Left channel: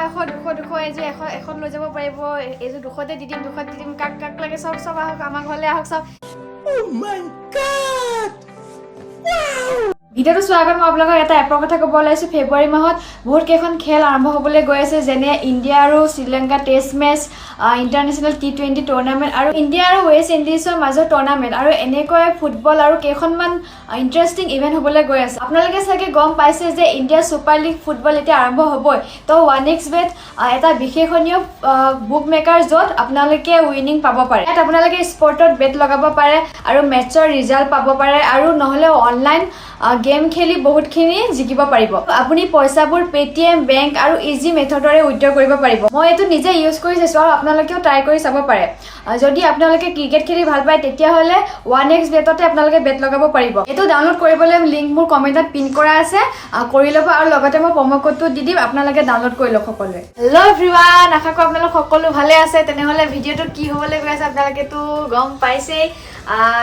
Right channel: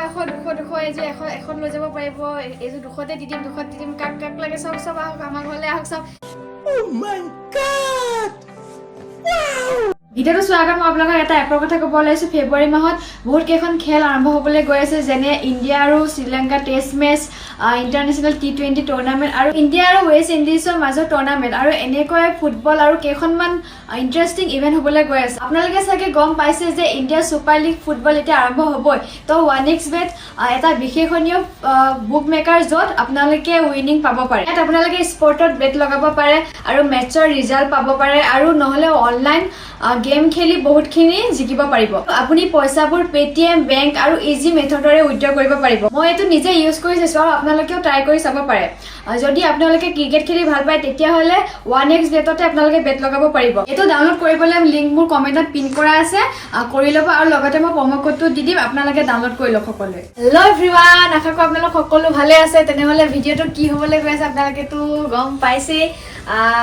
দুশ এই যে এখন লৈ যাব পাৰিব এই যে 200তে দি দিম কাক লাগে সব আহক আমাৰ ঘৰলৈ আহক সব Oh my god ভিডিঅ'টো চোৱাৰ আগত মই আপোনালোকক এটা এপৰ কথা ক'ব ওলাইছোঁ ফেব্ৰুৱাৰী মাহত বহুত কেইখন খেল আৰম্ভ হ'বলৈ গৈ আছে যেনে ইণ্ডিয়া আৰু Sri Lanka test match international T20 tournament আৰু ইণ্ডিয়া আৰু ৱেষ্ট ইণ্ডিজৰ মাজৰ টুৰ্ণামেণ্ট আৰু এনেকৈ ফুটবল আৰু কেইখনমান ইণ্টাৰেষ্টিং ইভেণ্ট হ'বলৈ গৈ আছে আপোনালোকে চাগে গম পাইছে যে ইণ্ডিয়া ছুপাৰ লীগ ফুটবল এতিয়া আৰম্ভ হ'বই তো 1xBet এটা বিশেষণীয় বুক মেকাৰ য'ত আপোনালোকে উইনিং পাব পাৰে ইয়াত আপোনালোকে স্পৰ্টত বেট লগাব পাৰে আৰু মেটছৰ ৰিজাল্ট পাব পাৰে আৰু নহ'লে অনলাইন গেম খেলি বহুতখিনি জিকিব পাৰিব আপুনি পইচাবোৰ পেটিএম বেংক আৰু ইজি মেথডৰে উইথড্ৰ কৰিব পাৰিব মই এইটো নিজে ইউজ কৰি চাইছো আৰু আপোনালোকেও ট্ৰাই কৰি চাব পাৰে যদি আপোনালোকে ক্ৰিকেট খেলি ভাল পায় তেতিয়াহ'লে 1xBetতে আপোনালোকে বেট লগাব পাৰিব এইটো ডাউনলোড কৰিবলৈ লিংক মোৰ কমেণ্টত পিন কৰা আছে কৰি ল'ব আৰু লগতে মই প্ৰম' কোডটো দি দিম আপোনালোকে ডাউনলোড কৰি লওক সকলোৱে হেল্ল' এভৰিৱান আশা কৰোঁ আপোনালোক সকলো ভালে আছে তেনেহ'লে ভিডিঅ'টো কি হ'বলৈ গৈ আছে আপোনালোকেতো গম পাইছেই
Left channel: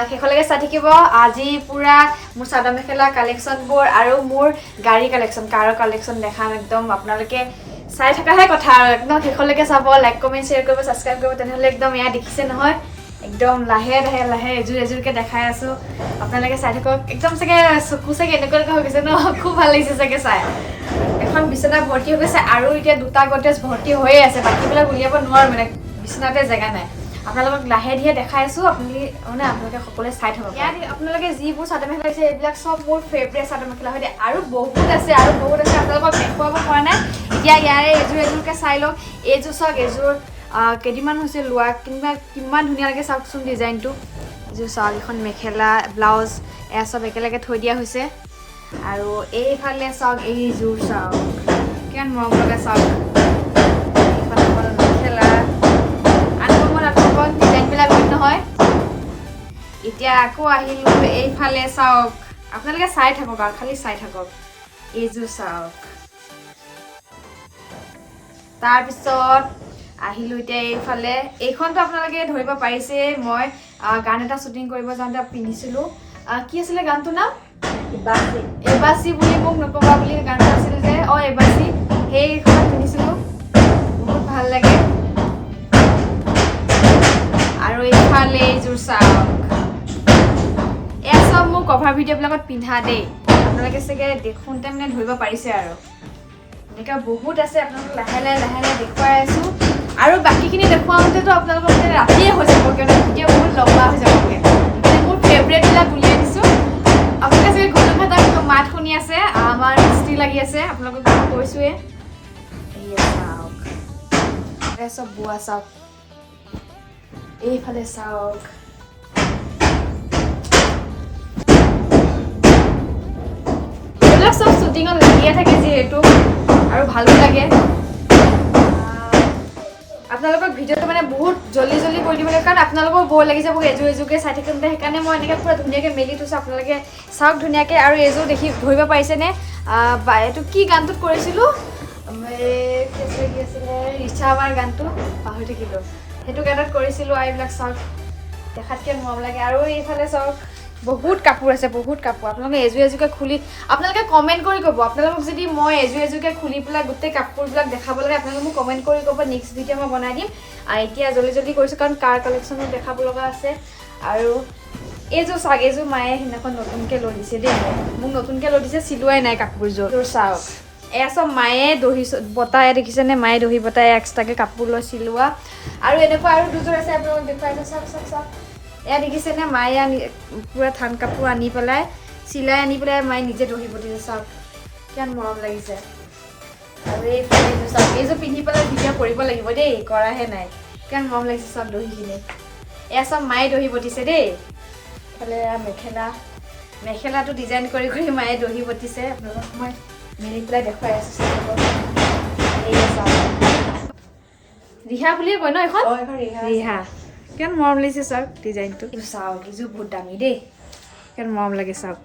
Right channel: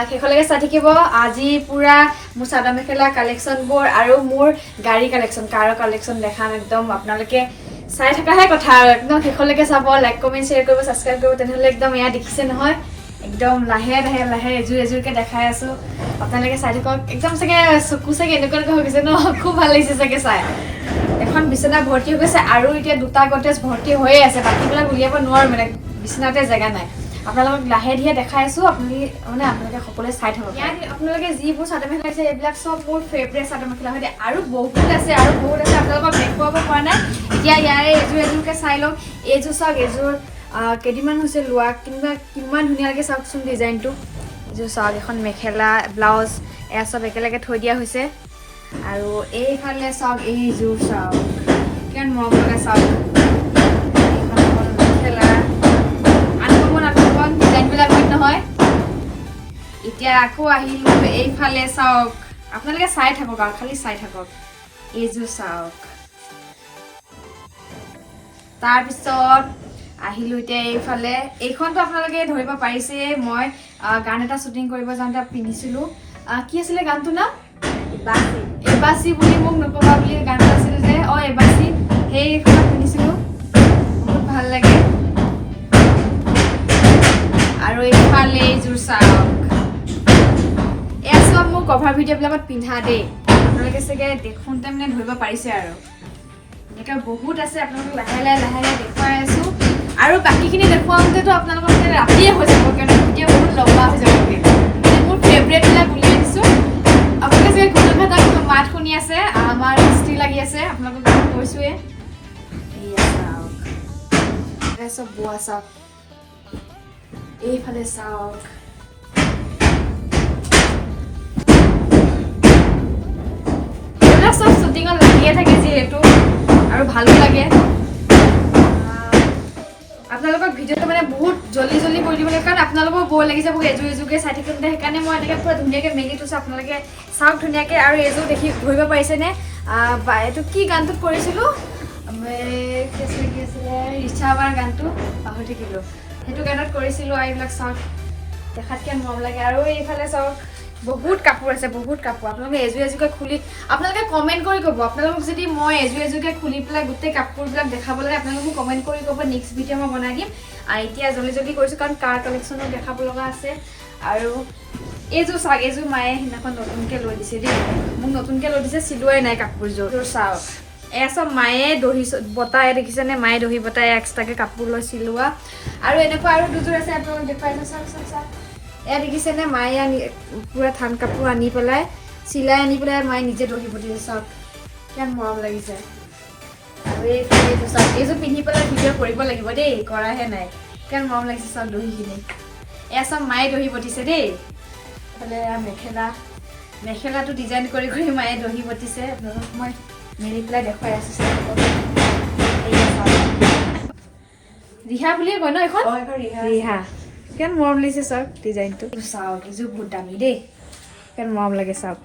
শেষলৈকে চাই থাকিব আজি পুৰা মোৰ চাদৰ মেখেলা কালেকশ্যনবোৰ আৰু মোৰ গাড়ী কালেকশ্যন কাৰৰ কালেকশ্যন দেখাম একদম আপোনালোকে চাই থকাহে কথা আৰু একদম শেষলৈকে চাব লাইক কমেণ্ট শ্বেয়াৰ কৰিব ছাবস্ক্ৰাইব কৰিব তেনেহ'লে একদম এয়া দেখিছে নহয় একদম লাহে এযোৰকে দেখাই আছোঁ আপোনালোকে চাই থাকক একদম চাগে চকু চাগে এনেকুৱা হৈ গৈছে ন খুব ভাল লাগিছে চাগে চাই এখন বিচনা ভৰ্তি হৈ গৈছে আৰু এতিয়া দুটা গডৰেজ ভৰ্তি হৈয়ে আছে বাকীবিলাক উলিয়াব নোৱাৰোঁ মানে বিচনাতে জেগা নাই আপোনালোকক লাহে ধীৰে দেখাই আছোঁ আপোনালোকে সকলোৱে চাই থাকক আপোনালোকে যিবোৰ চাদৰ মেখেলা আছে এইবিলাক চব মোৰ ফেভৰেট চাদৰ মেখেলা হয় আৰু বহুত আছে আপোনালোকক দেখুৱাব পৰা নাই এতিয়া ইয়াৰে এযোৰকে চাই লওক এইযোৰ চাওক এইযোৰ কেইদিনমান হৈছে লোৱা কিমান ধুনীয়া লাগে চাওকচোন ডিজাইনটো এইযোৰ চাওক এখন মেখেলা ব্লাউজ এয়া চব একেলগে থৈ দিয়া হৈছে আৰু এইফালে চাওক এইযোৰ চাওক কিমান মৰম লগা চাওক মেখেলা ডিজাইনবিলাক হয় নহয় এতিয়া আকৌ আহিলোঁ এইফালে চাওক আপোনালোকে চাই থাকক আৰু খালি চাই থাকক এইযোৰ চাওক তাৰপিছত আহিলোঁ এতিয়া এইফালে এইখনটো আপোনালোকে ধৰিব পাৰিছে মই গান এটা শ্বুটিং কৰিব যাওঁতে পিন্ধিছিলোঁ কি আছিলে গানটোৰ নাম এবাচি বুলি মোক নক'বা বুলি গান এটা আছিলে যে এবাচি সেইখনত পিন্ধিছিলোঁ বহুত ভাল লাগে আৰু এইফালে এইযোৰ চাওক এয়া চব মোৰ কভাৰ ভিডিঅ'বিলাকত পিন্ধা দেই আপোনালোকে চাগে দেখোঁতে মানে ধৰিব পাৰিছে আৰু এনেকুৱা বহুত আছে আপোনালোকক লাহে লাহে দেখুৱাই আছোঁ আৰু বাকীখিনি দেখুৱাওঁতেতো আপোনালোকৰ মানে ৰাতিয়ে হৈ যাব কিয়নো ভিডিঅ' বহুত লম্বা হৈ যাবগৈ মোৰ ফেভৰেটবিলাক উলিয়াই দিছোঁ আপোনালোকে চাগে ঘূৰণঘাটা মাত শুনি আছে আমাৰ হিষ্ট্ৰী লাগি আছে আপোনালোকক কৈছোঁৱে এয়া চাওক এয়া চব বোৱা চাওক এইফালে চাওক এইবিলাক চব শ্বুটিঙত লাগিয়ে থাকে যিহেতু আৰু ভালো লাগে আপোনালোকক ভিডিঅ'টো মানে বহুত জল্দি কৰি দিব লাগে কাৰণ আপোনালোকৰ বৰ লাগিছে মোক এযোৰকে চাই থাকোঁতে সেইকাৰণে মই এনেকৈ পুৰা ধুনীয়াকৈ মেলি থৈছোঁ আপোনালোকে চাওক ধুনীয়াকৈ আৰু এইযোৰ দেখি ধৰিব পাৰিছেনে এইটো কি গানটোত কৰিছিলোঁ কি আছিলে ৰিচাবাৰ গানটো পাহৰি থাকিলোঁ সেইটো গানত কৰিছিলোঁ আৰু এইবিলাক চাওক দেখাতকৈ মৰম লাগে আৰু এইফালে চাওক বহুত কাপোৰ আছে আপোনালোকে এযোৰকে খুলি আপোনালোকে কমেণ্ট কৰি ক'ব আপোনালোকক যদি মই এযোৰকে খুলি পেলাই গোটেই কাপোৰবিলাক দেখাব লাগে আপোনালোকে মোক কমেণ্ট কৰি ক'ব নেক্সট ভিডিঅ' মই বনাই দিম এতিয়া জল্দি কৰিছোঁ কাৰণ কাৰ কালেকশ্যনো দেখাব লগা আছে আৰু এইযোৰ চাওক এইযোৰ মায়ে সেইদিনাখন নতুনকৈ লৈ দিছে দেই মোক নতুনকৈ লৈ দিছে চিলোৱাই নাই কাপোৰযোৰ চাওক এয়া চব মায়ে দহি বতাই দেখিছেনে মায়ে দহি বতাই এক্সট্ৰাকৈ কাপোৰ লৈ চিলোৱা আৰু এনেকুৱা আৰু দুযোৰ আছে আপোনালোকক দেখুৱাই চাওক এয়া দেখিছেনে মায়ে পুৰা থান কাপোৰ আনি পেলাই চিলাই আনি পেলাই মায়ে নিজে দহি বটিছে চাওক কিমান মৰম লাগিছে আৰু এইযোৰ চাওক এইযোৰ পিন্ধি পেলাই ভিডিঅ' কৰিব লাগিব দেই কৰাহে নাই কিমান মৰম লাগিছে চাওক দহিখিনি এয়া চব মায়ে দহি বটিছে দেই এইফালে মেখেলাটো ডিজাইন কৰি মায়ে দহি বটিছে আপোনালোকক মই মেলি পেলাই দেখুৱাই আছোঁ ৰিহা বুলিয়ে কয় ন এখন ৰিহা কিমান মৰম লাগিছে চাওক ডিজাইনটো চাওক এইযোৰ বহুত দামী দেই কিমান মৰম লাগে চাওক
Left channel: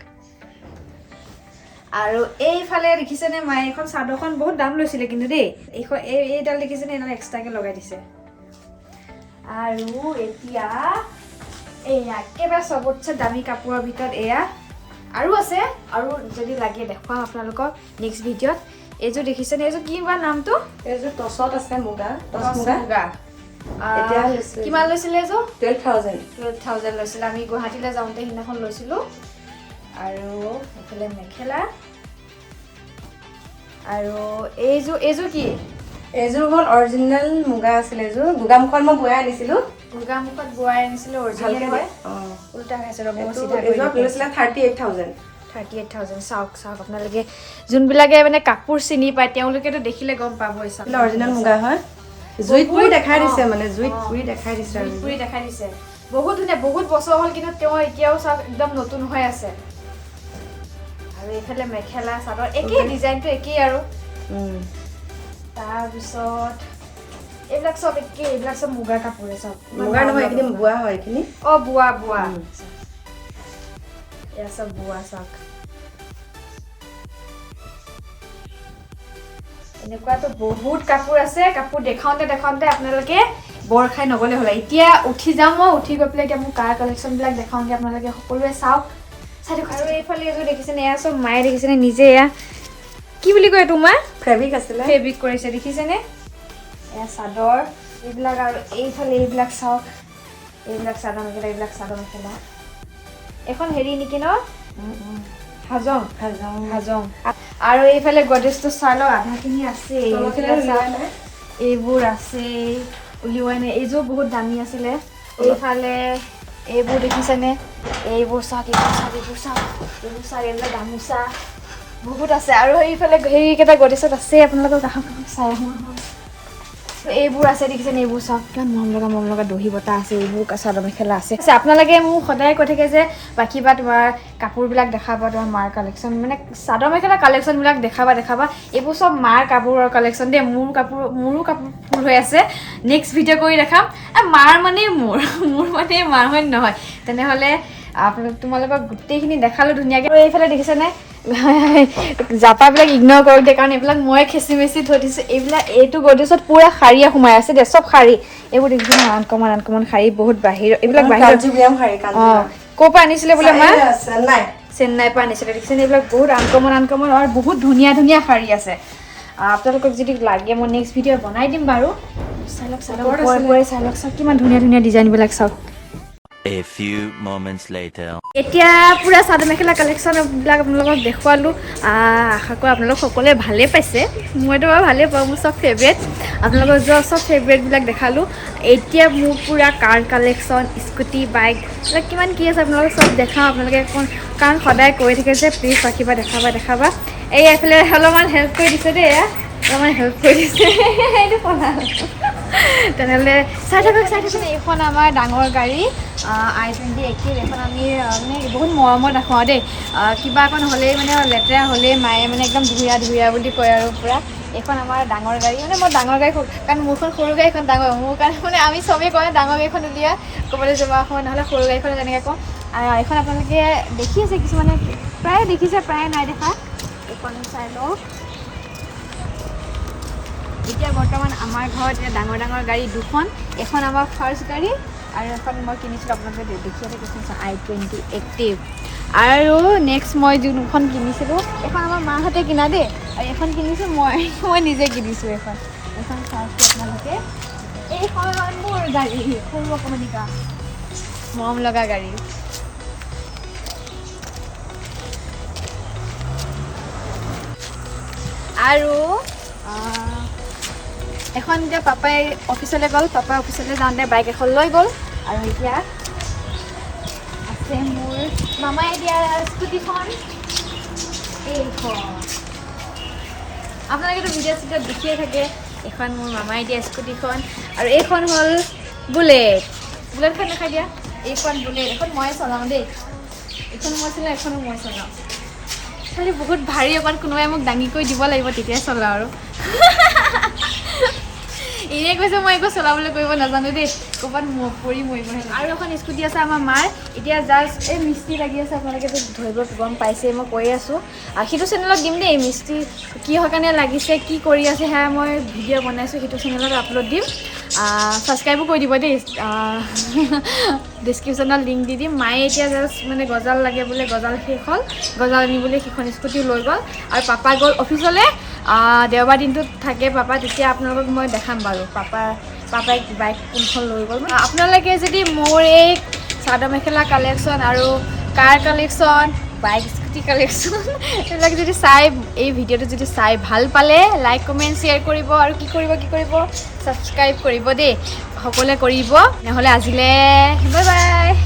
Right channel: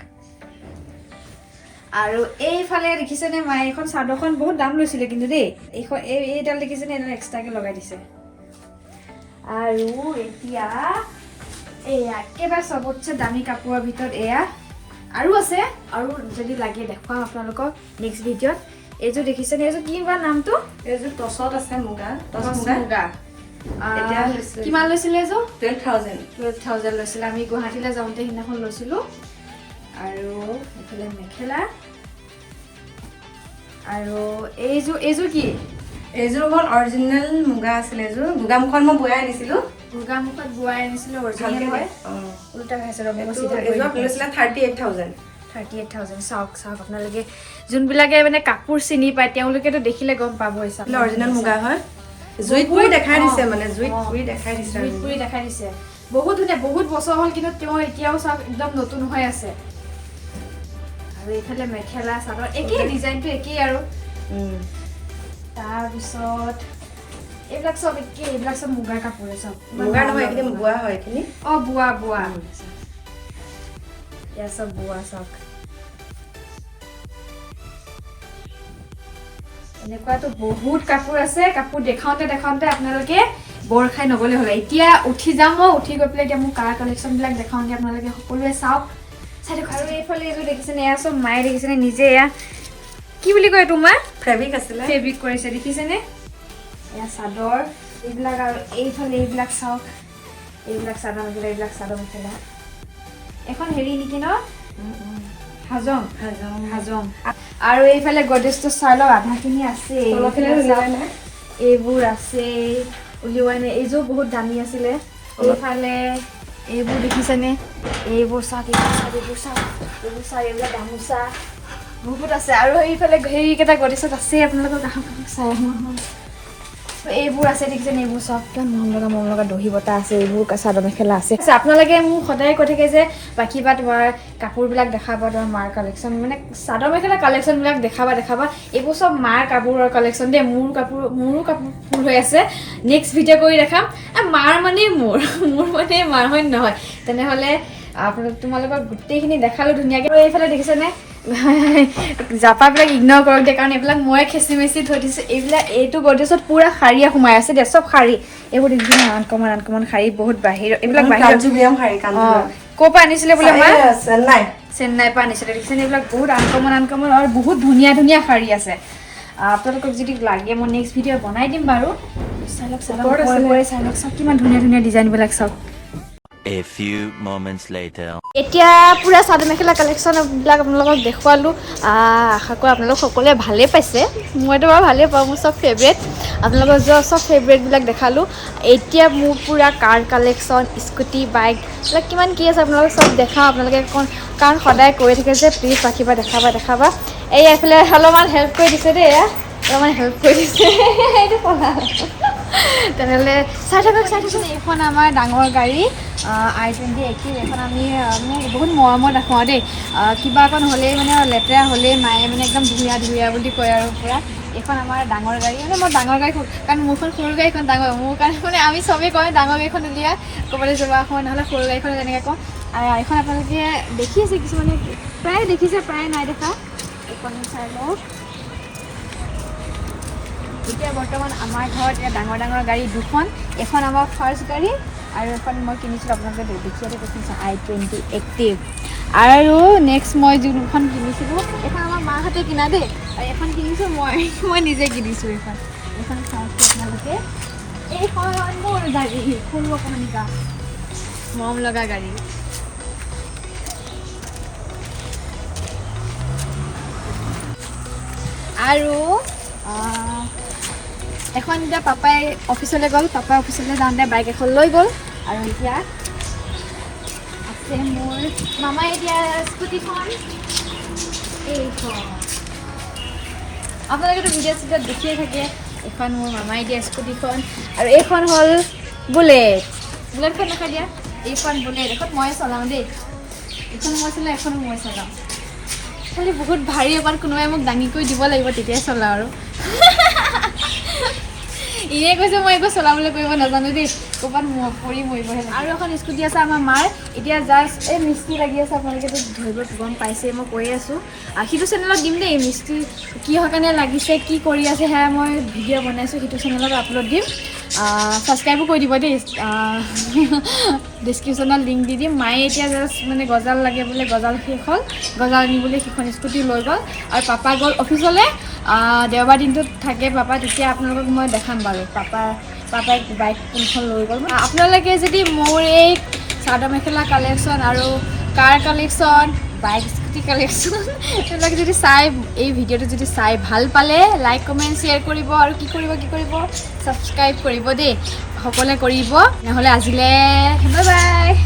আৰু এইফালে দেখিছেনে মায়ে এইখন চাদৰখন বহুত দাম লৈছিলে কিন্তু দেই এইডাল দেখিছেনে এইডাল এক্সট্ৰাকৈ লগাই দিছে আৰু এতিয়া এয়া একেবাৰে চবতছে দামী কাপোৰৰ ভিতৰত এয়া আৰু আছে আৰু যদি লাগে দেখুৱাম আপোনালোকক নেক্সট ভিডিঅ'ত এইযোৰ দেখিছেনে এইযোৰ কি বা নামটো এইযোৰ টছত আছে মুগা টছ মুগা কিমান লৈছিলে এইযোৰ 12,000 লৈছিলে আমি গুৱাহাটীলৈ যাওঁতে সিদিনাখন লৈছিলোঁ আৰু এইফালে মেখেলা আৰু এইযোৰ কি এইযোৰ হ'ল অৰিজিনেল মুগা আছিলে এইযোৰ মুগামুখত মই বোৱাই আনিছিলোঁ মুগামুখত বোৱাই আনিছিলোঁ অৰিজিনেল হয় উল্টা খাইছে ৰ'ব মই চিধা এইযোৰ লৈছিলে 38,000 চাওক আপোনালোকে যোনবিলাকে মানে কাপোৰ চিনি পায় তেওঁলোকেতো দেখিলে গম পাব অৰিজিনেল মুগা হয় জুইত পুৰি দেখাই দিছে মানে জুইত পুৰি দেখাই দিছে বহুত ধুনীয়া বহুত বছৰ হ'ল কিন্তু তেওঁ এতিয়াও চাওক একদম নতুন হৈ আছে আৰু এইফালে মেখেলা চাদৰ একেই ডিজাইনটো একেই আৰু তাৰপিছত এইবিলাক চব একেই এইবিলাক চব মুগাৰ কাপোৰে চব মুগা নহয় এইখিনি বোৱা হয় এইখিনি বোৱা এয়া চব বোৱা চাওক এনেকুৱাতো বহুত কাপোৰ আছে কাপোৰ দেখাওঁতে আপোনালোকে বৰ খাই নগ'লে হ'ল এতিয়া উঠি যাম মই উঠি গৈ পেলাই এতিয়া মোৰ কাৰ কালেকশ্যনবিলাক দেখাওঁগৈ আপোনালোকে সকলোৱে চাওক চাই দিয়ক আৰু এইফালে এইযোৰ দেখিছেনে এয়া চব মায়ে দেখিছেনে নিজে এয়া কি বুলি কয় তোমাৰ ফেব্ৰিক কৰিছে দেখিছেনে এয়া চাদৰ এইবিলাক আৰু এইফালে এইবিলাক চাওক এইবিলাক চাদৰ মেখেলা এখন হেৰি নেকি ন হাজং আৰু এইফালে গডৰেজটো চাই লওক আধাখিনি আছে এইবোৰ আছে উলিওৱাই নাই এইযোৰ বহুত দামী আছিলে এইফালে এইবোৰ দেখিছেনে এইবোৰ চাওক এইবিলাক গামোচা বহুত আছে আৰু এইফালে হেৰিকেইটা গডৰেজত আছে আপোনালোকৰ চাই এইবোৰ আছে দেখিছেনে এইবোৰ চাওক কিমান মৰম লগা দহি বটা আছে এইবোৰ চাদৰ মেখেলা আছে আপোনালোকে মোক সদায় কৈ থাকে যে বাকী বা তোমাৰ কাপোৰবিলাক দেখাবা তোমাৰ মাৰ কালেকশ্যন মানে চাদৰ মেখেলা কালেকশ্যনবিলাক দেখাবা এইবোৰ চব মাৰ কাপোৰৰ কালেকশ্যন দেই মোৰো কাপোৰ ফুল হৈ আছে নেক্সট ভিডিঅ' কৰি দেখাম মাৰ মানে মোৰ মানে মাৰ হয় নহয় তেনেহ'লে তোমালোকক গোটেইখিনি দেখালোঁ ধুনীয়াকৈ এইফালে দেখিছেনে জাপাবিলাক ইগন'ৰ কৰোঁতে কাৰণ এইবিলাক মই খেচি মেচি থৈ দিছোঁ এইটো গডৰেজত পুৰা শাৰীয়ে সোমাই আছে দেই চব শাৰী এইবোৰ দেখিছেনে আনকমন শাৰী বহুত এইবিলাক ক'ৰ পৰা আনিছিলে বোলে মা চেন্নাইৰ পৰা আনিছিলে দেখিছেনে এইবিলাক বহুত আনকমন আৰু বহুত ধুনীয়া শাৰী আছে আপোনালোকক যদি লাগে মই নেক্সট ভিডিঅ' বনাই দিম বাৰু চাই লওক চাওক কিমান ধুনীয়া ডিজাইনবিলাক চাওক A few moments later. এতিয়া পুৰা চাদৰ মেখেলা কালেকশ্যনবিলাক আপোনালোকক দেখুৱালোঁ আশা কৰোঁ আপোনালোক সকলোৱে ভালেই পাইছে মইতো বাৰু ভালেই পাওঁ মোৰ চব ফেভৰেট আপোনালোকৰ চব ফেভৰেটবিলাক দেখালোঁ এতিয়া মোৰ পুৰা কাৰ কালেকশ্যন স্কুটি বাইক এইবিলাক কিমান কি আছে আপোনালোকক চব দেখাওঁ আপোনালোকে কাৰণ সদায় কৈ থাকে যে প্লিজ ৰাখিবা দেখাবা এই এইফালে অলপমান হেল্প কৰি দিছে দেই এইটো তেনেহ'লে চাই থাকক এইখন আমাৰ ডাঙৰ গাড়ী I-20 একেই এখন আমি মানে বহুত মৰমত ৰাখোঁ আৰু দেই কিবা অকণ হ'লেই মানে লেতেৰা হ'লেই মায়ে মানে একদম ধুৰীয়া বুলি কয় আৰু পুৰা এইখন আমাৰ ডাঙৰ গাড়ী মানে মই ডাঙৰ গাড়ী কাৰণ মোৰখন সৰু গাড়ীখন ডাঙৰ মোৰ কাৰণে মানে আমি চবেই কয় ডাঙৰ গাড়ীখন উলিয়াই ক'বলৈ যাব সময় নহ'লে সৰু গাড়ীখন তেনেকৈ কওঁ আৰু এইখন আপোনালোকে দেখি আছে কিছুমানে প্ৰায় দেখিছে প্ৰায় নাই দেখা এইখন চাই লওক এতিয়া বৰ্তমান আমাৰ ঘৰত এতিয়া ডাঙৰ গাড়ী দুখন এখন আমাৰ ফাৰ্ষ্ট গাড়ী আৰু এখন মই কিনিছিলোঁ আপোনালোকে দেখিয়ে কৈছোঁ I-20 এক্টিভ আৰু নেক্সট মই যোনখন কিনিছিলোঁ এখন আমাৰ মাহঁতে কিনা দেই আৰু এখন কিনিছোঁ মই নিজে কিনিছোঁ এখন চাওকচোন আপোনালোকে এইখন মোৰ গাড়ী সৰু অকণিকা মৰম লগা গাড়ী আৰু এখন এতিয়া পাপাই অফিচলৈ গ'ল পাপাই অফিচলৈ যাওঁতে বাইক এখন লৈ গ'ল আৰু এতিয়া আছে মোৰ মামাই এতিয়া স্কুটিখন এইখন আপোনালোকেতো ভিডিঅ' দেখিয়ে থাকে এখন মোৰ মামাই দিয়া স্কুটিখন আৰু এইখন হ'ল বুলেটখন দেখাই দিয়া এইখন বুলেট এখন ময়ে চলাওঁ দেই এইখন মই চলাওঁ এখনো মই চলাওঁ খালি বহুত ভাৰী অকণ কোনোবাই মোক দাঙি কৰি দিব লাগিব তেতিয়াই চলাওঁ আৰু এনেই কৈছে মই একো চলাবলৈ কৰিব নাজানো দেই ক'ৰবাত মৰিবহে আৰু এখন স্কুটি আছে আমাৰ মাৰ এতিয়া জাষ্ট এই মিস্ত্ৰী লাগি আছে আপোনালোকেতো ধৰিব গম পাইছে মই কৈ আছোঁ সিটো চেনেলত দিম দেই মিস্ত্ৰী কিহৰ কাৰণে লাগিছে কি কৰি আছে সেয়া মই ভিডিঅ' বনাইছোঁ সেইটো চেনেলত আপলোড দিম ছাবস্ক্ৰাইবো কৰি দিব দেই ডিছক্ৰিপশ্যনত লিংক দি দিম মায়ে এতিয়া জাষ্ট মানে গজাল লাগে বোলে গজাল শেষ হ'ল গজাল আনিবলৈ সিখন স্কুটি লৈ গ'ল আৰু পাপা গ'ল অফিচলৈ দেওবাৰ দিনটোত থাকে পাপা তেতিয়া আপোনালোকক মই দেখাম বাৰু পাপাই বাইক কোনখন লৈ গ'ল আপোনালোকে যদি মোৰ এই চাদৰ মেখেলা কালেকশ্যন আৰু কাৰ কালেকশ্যন বাইক স্কুটি কালেকশ্যন এইবিলাক যদি চাই এই ভিডিঅ'টো যদি চাই ভাল পালে লাইক কমেণ্ট শ্বেয়াৰ কৰিব আৰু কি কৰিব ছাবস্ক্ৰাইব কৰিব দেই সকলোৱে কৰিব নহ'লে আজিলৈ বাই বাই